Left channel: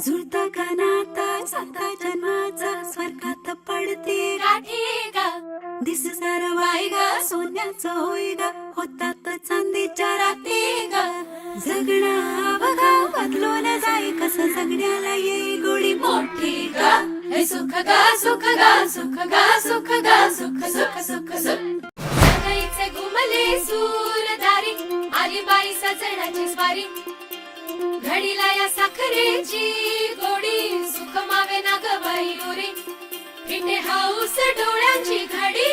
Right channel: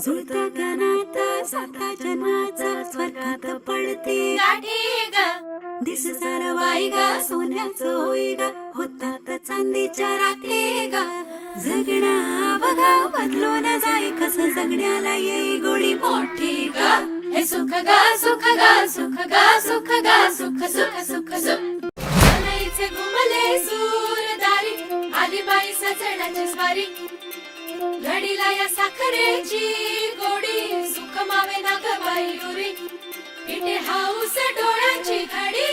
जुळता का नाता साता जन्माचा स्वर्गात पडते गाठी ग दिस सारं वाई गा सोन्याचं होई गा होतात चांदीच्या राखे गा जगणं बघा बदलून जाई कसं जगण्याला येई गोडी मोठी गा हे सुख ग सुख ग सुख ग सुख ग सुख सुख सुख सुख सनईचे घुमले सूरदारी आली बाई सजण्याची स्वारी घडीला या साखरेची गोडी सुख मावे ना ग बाई उरी इथे हाऊस डोळ्यांची घडी